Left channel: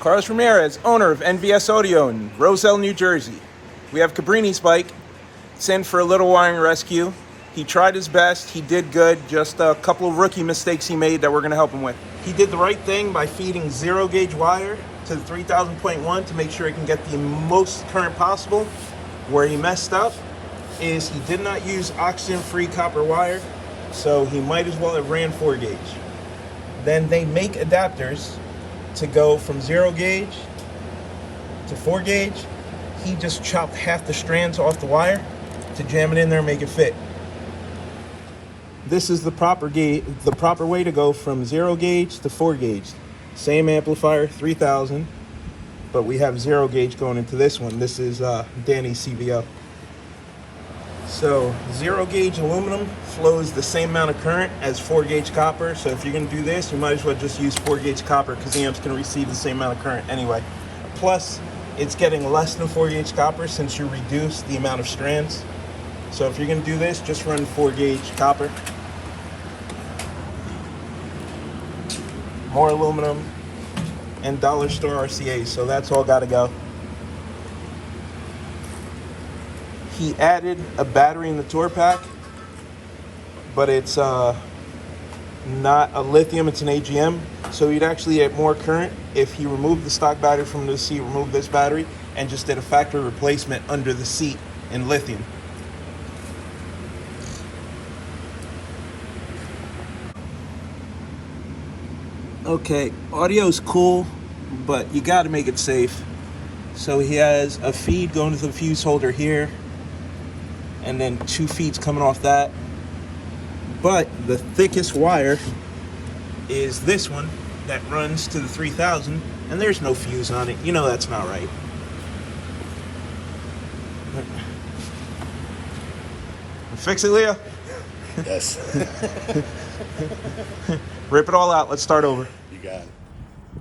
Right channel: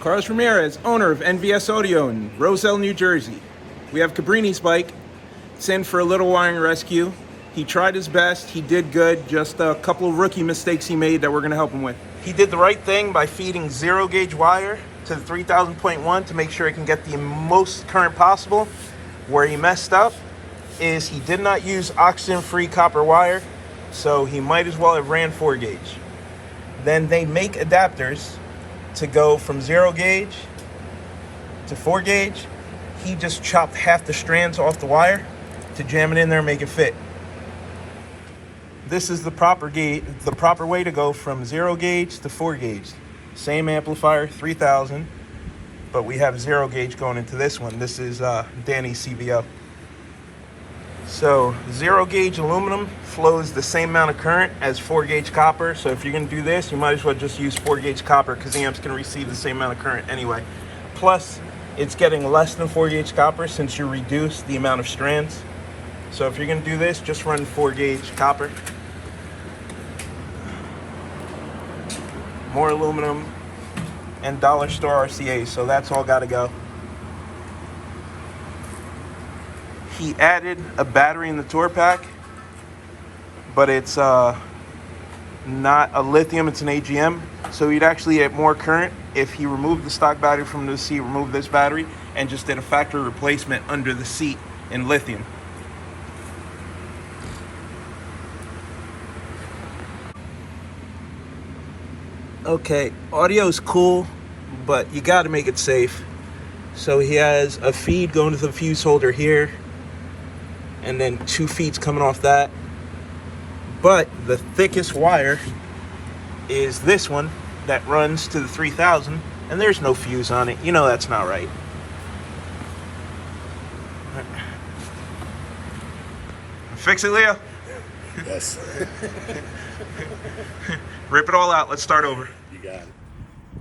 Carlos Ramirez, owner of NVS Audio in Roselle, New Jersey. We have Cabrini's bike. It's in for a little wiring rescue. He tried his best. He did good. Just a couple of rookie mistakes he made that we're going to help him with. He did the right thing by feeding 0-gauge wire to the 3000.1 to make sure he can get the most current possible. Where he messed up is he did not use oxygen-free copper wire, so he might as well have ran 4-gauge. Then they make adapters to go from 0-gauge to 4-gauge. He just chopped half the strands off the wire to jam it in there and make it fit. This is the proper way to go from 0-gauge to 4-gauge. Same amplifier, 3000, but we have 0-gauge going into this one. This is Danny's CVO. So 0-gauge aluminum flows the same amount of current as 4-gauge copper. So if you're going to do this, you might as well just use 4-gauge copper because the amps can receive the same amount of current anyway. Plus, it's getting less than 4-gauge copper since you reduce the amount of strands. So if you're going to do this, just run 4-gauge copper. More aluminum and dollar store RCA, so that's all got to go. He added a battery in the tour pack, but it's not a lithium, it's an AGM. So you'd actually get more current if he removed the stock battery from the seat, removed this battery, and just did a factory replacement under the seat in lithium. Okay, audio's cool, but you got to make it safe. So he has a feed going to the fuse holder here, and then 2 feeds coming off that. But the thickest wire is this one that runs to the 3000, and there's no fuse on it. You know that's not right. Fix it, Leo? Yes. Rip it all out. Let's start over. You got it.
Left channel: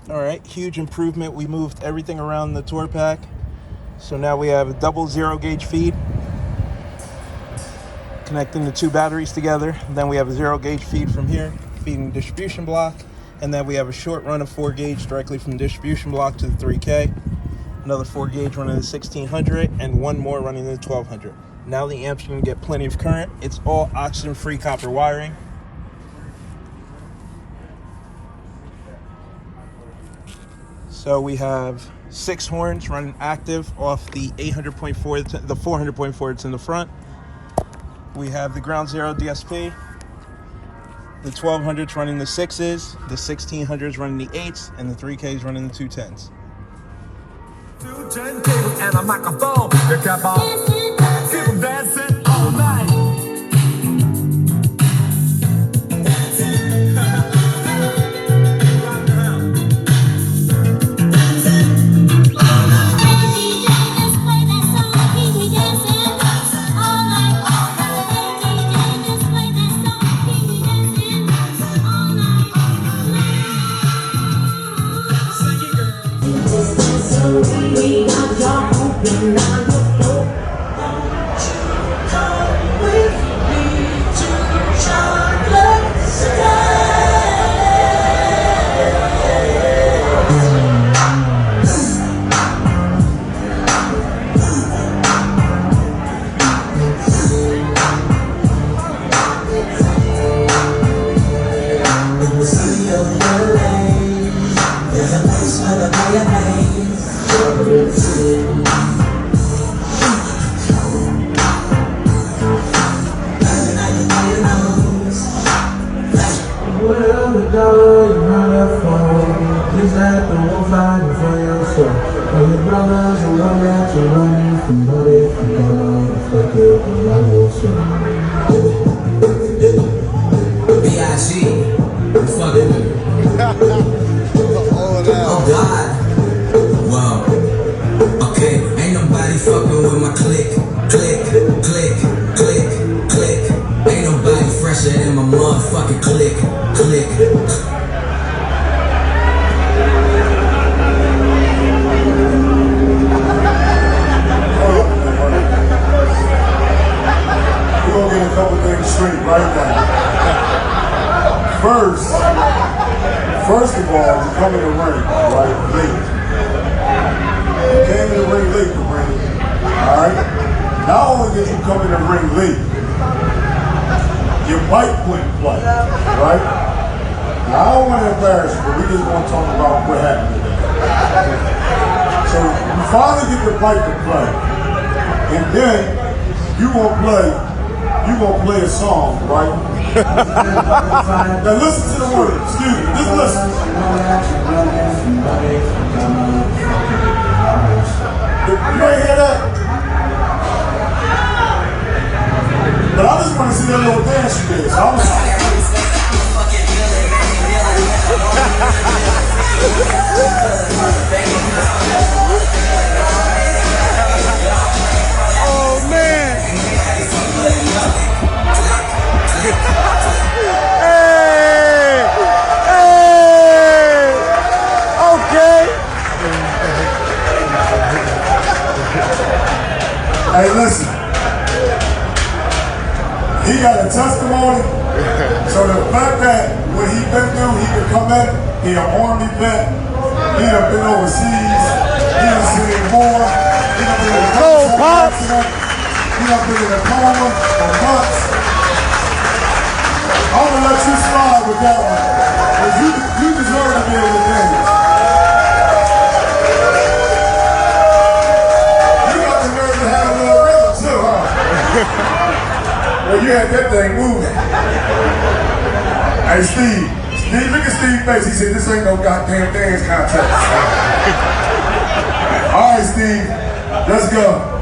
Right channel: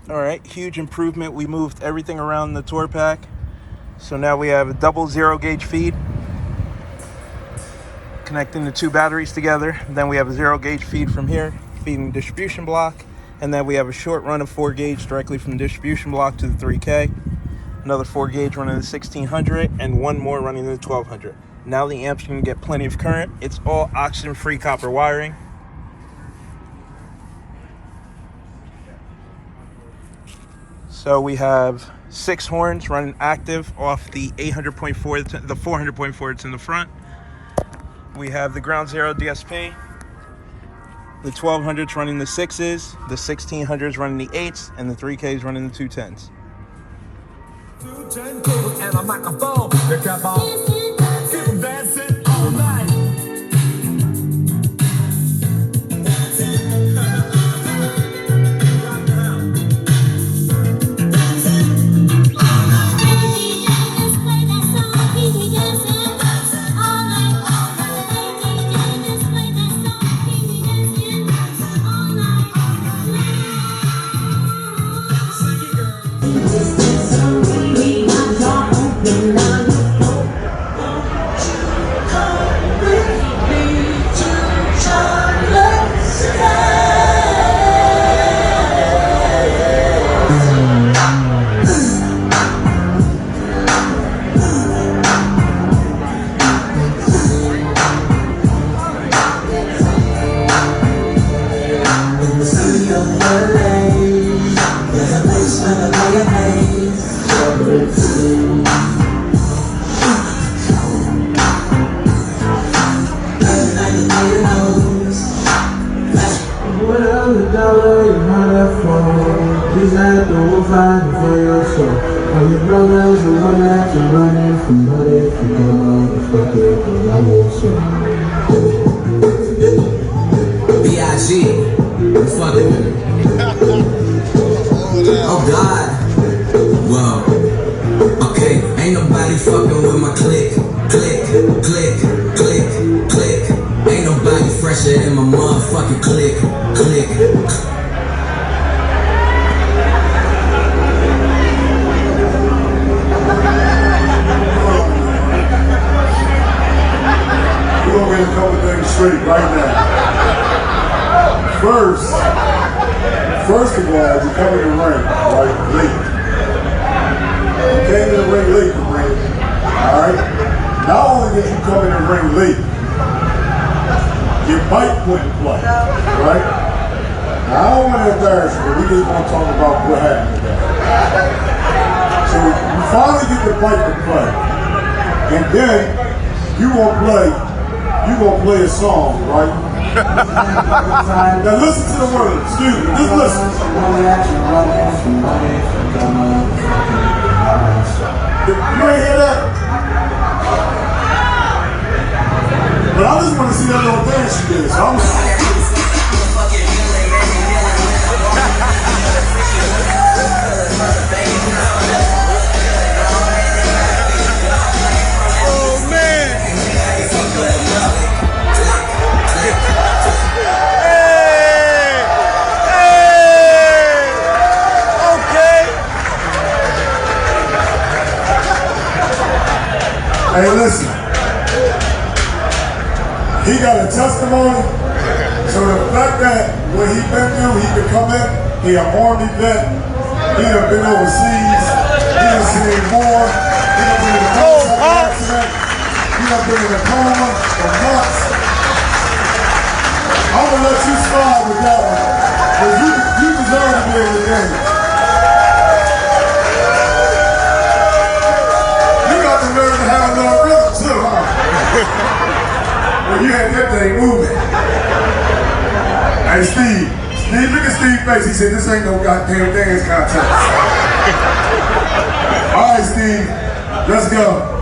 All right, huge improvement. We moved everything around the tour pack. So now we have a double 0-gauge feed connecting the 2 batteries together. Then we have a 0-gauge feed from here, feeding the distribution block. And then we have a short run of 4-gauge directly from the distribution block to the 3K. Another 4-gauge running the 1600, and one more running the 1200. Now the amps can get plenty of current. It's all oxygen-free copper wiring. So we have 6 horns running active off the 800.4, the 400.4 that's in the front. We have the ground zero DSP, the 1200s running the 6s, the 1600s running the 8s, and the 3Ks running the 210s. 2 turntables and a microphone. The cap on. Keep them dancing all night. Oh God. Wow. Okay, ain't nobody fucking with my click. Click, click, click, click. Ain't nobody fresher than my motherfucking click. Click. We're gonna get a couple things straight right now. First of all, you come in the ring, right, late. came in the ring late, Cabrini. All right? Not only did you come in the ring late, your bike wouldn't play, right? Now, I don't want to embarrass you, but we just want to talk about what happened today. So you finally get the bike to play, and then you gonna play a song, right? Now listen to the words. Excuse me, just listen. You ain't hear that? But I just want to see that little dance you did. So I'm Oh man! Hey, listen. He got a testimony, so the fact that what he been through, he could come in, he an army vet, he done been overseas, he done seen war, he done been in a motorcycle accident, he done been in a coma for months. I'm gonna let you slide with that one, because you deserve to be in the game. You got the nerve to have a little rhythm too, huh? Well, you had that thing moving. Hey, Steve, look at Steve's face. He said, this ain't no goddamn dance contest. All right, Steve, let's go.